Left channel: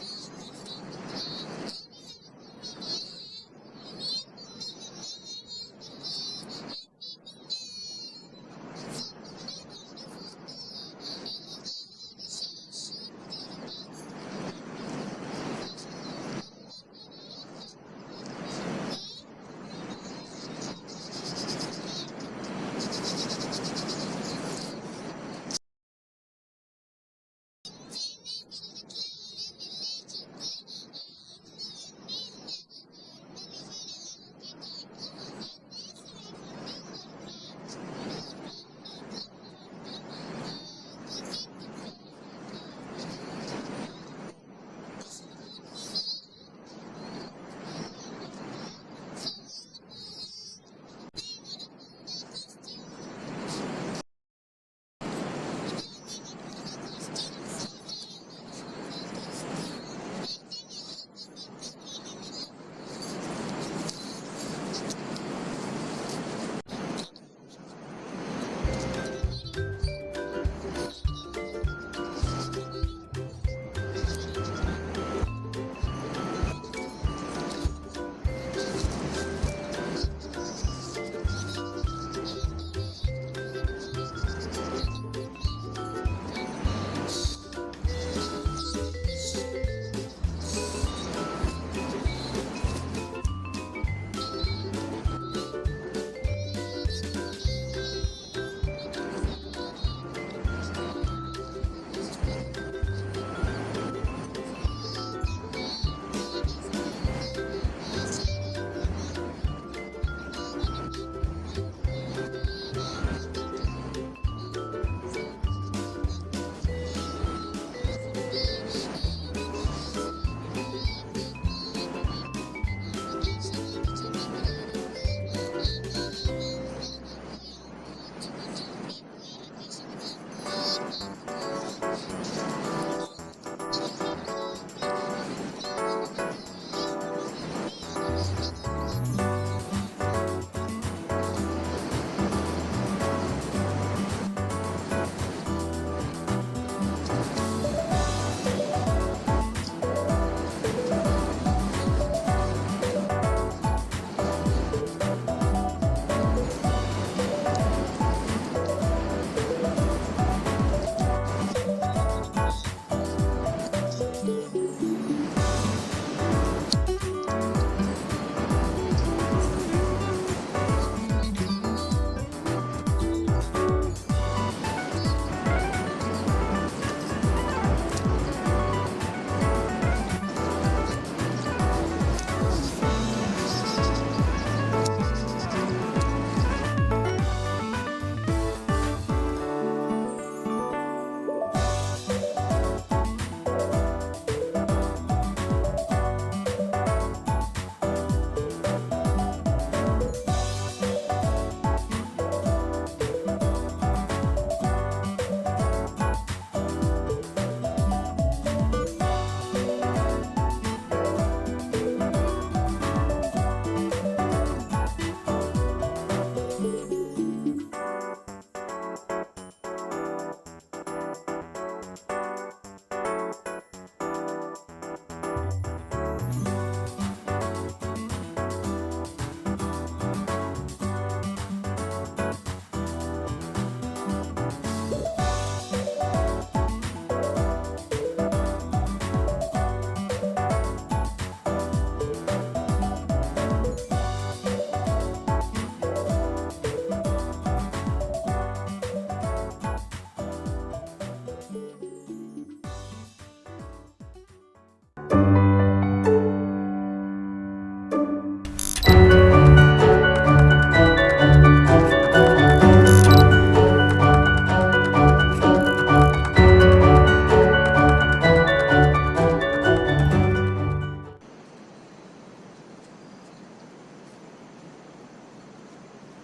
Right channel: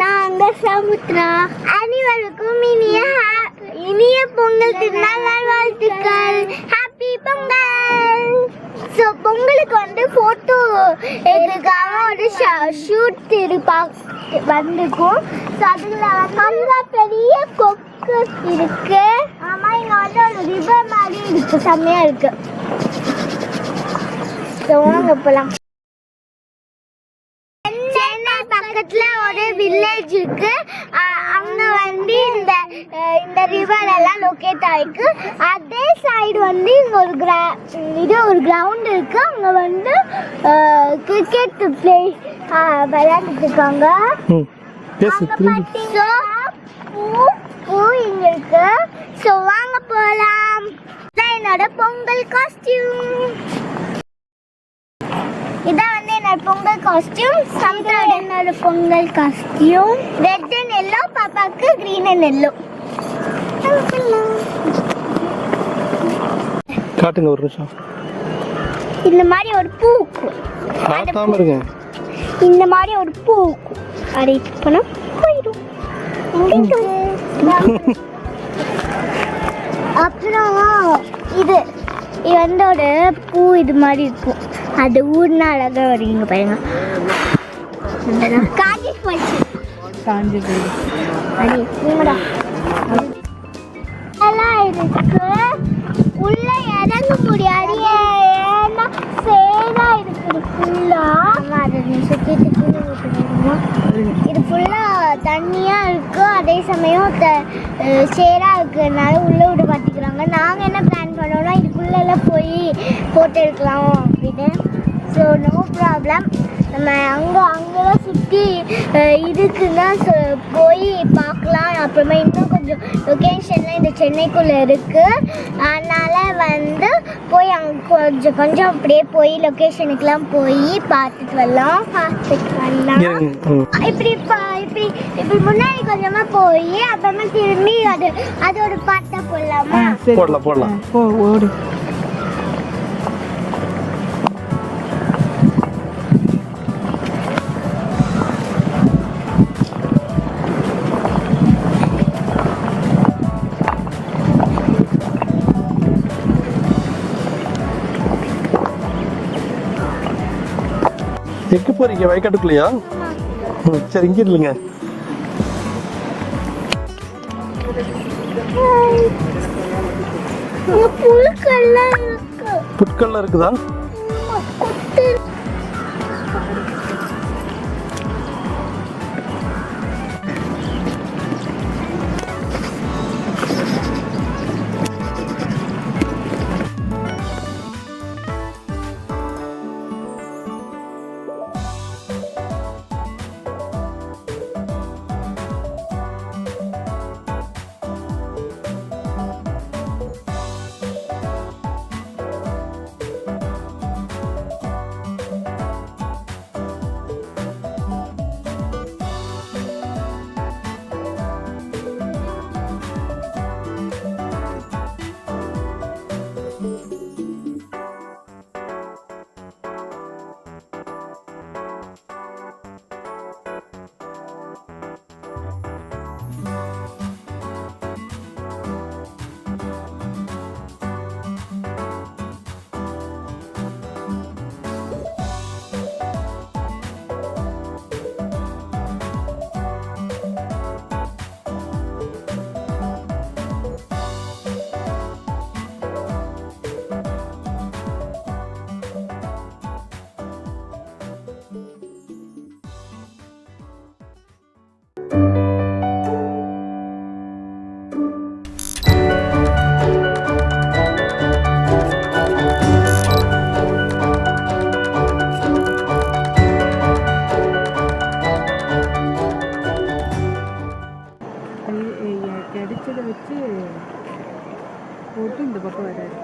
நாங்க சமுத்ரா. அனைவருக்கும் இனிய பொங்கல் திருநாள் நல்வாழ்த்துக்கள். ஹாப்பி பொங்கல். ஸோ பொங்கலுக்கு வந்து ஃபோட்டோ எடுக்கிறதுக்காக ஒரு ஷூட் வந்துருக்கும். ஸோ அதில் வந்து பெரிய கொக்கு இருக்கு. ஆமாம், இங்கே வந்து ஒரு ரிவர் மாதிரி இருக்கு, செம்மையாக இருக்கு. ஸோ வாங்க போகலாம். சென்னை பக்கத்துல ஒரு வில்லேஜ் இருக்கு. அங்க வந்து இந்த ரிவர் எல்லாம் லொக்கேட் ஆயிருக்கு. அதே சைடு வந்து இங்க ஒரு கிரவுண்ட் இருக்கு. அங்க வந்து கிரிக்கெட் பிளே விளையாண்டுட்டு இருக்காங்க. பூ இங்க இருக்கு. ஸோ வாங்க போலாம். என்னோட பொங்கல் காஸ்டியூம் இதான் வந்து என்னோட பொங்கல் காஸ்டியூம். சமுத்திரோட என்னோட Pongal costume red and yellow, பாப்பாக்கு கிரீன் அண்ட் எல்லோ. காட்டுங்க ஒரு நிமிஷம். இந்த மாதிரி ஒரு பூ காட்டாம இருங்க. இந்த மாதிரி ஒரு பூ அதை பண்ணா போயிடும். அப்புறம் இது வந்து ஒரு பூ இது மாதிரி இருக்கும். அது ஊர்னா அழகா வருவீங்க பாருங்க. காஞ்சி போச்சு. எல்லாம் இருக்கு. உள்ள இறங்க முடியாது, ஏன்னா சேரா இருக்குது ஃபுல்லா. அதை சுற்றிட்டு இது ஃபுல்லா தண்ணியா இருக்கு. அதே சமயம் சேரா இருக்கிறதுனால உள்ள விட மாட்டேங்கிறாங்க. நாங்கள் என்ன பிளான் பண்ணோம்னா இதுக்குள்ளெல்லாம் போய் ஃபோட்டோ எடுக்கலாம் அப்படின்னு. So no problem. நம்ம அங்கெல்லாம் சுற்றி இருக்குன்னா போய் பார்க்கலாம். அப்புறமா இன்னும் கொஞ்சம் லொக்கேஷன்லாம் இந்த சென்னைக்குள்ளே இருக்குது. அதனால் வந்து போய் அங்கே கொஞ்சம் அப்படியே போய் லொக்கேஷனுக்கெலாம் போய் பார்த்துட்டு வரலாம். இப்படி முன்னாடி கொஞ்சமாக போய் அப்புறமா திரும்பி அது ஒரு பாட்டை போடலாமா? போடலாம். ஓடு. எங்க போறீங்க? வயக்காட்டுக்குள்ளையா? சரி, இங்க இல்லைங்க. புட்கள்லாம் இருக்குதா?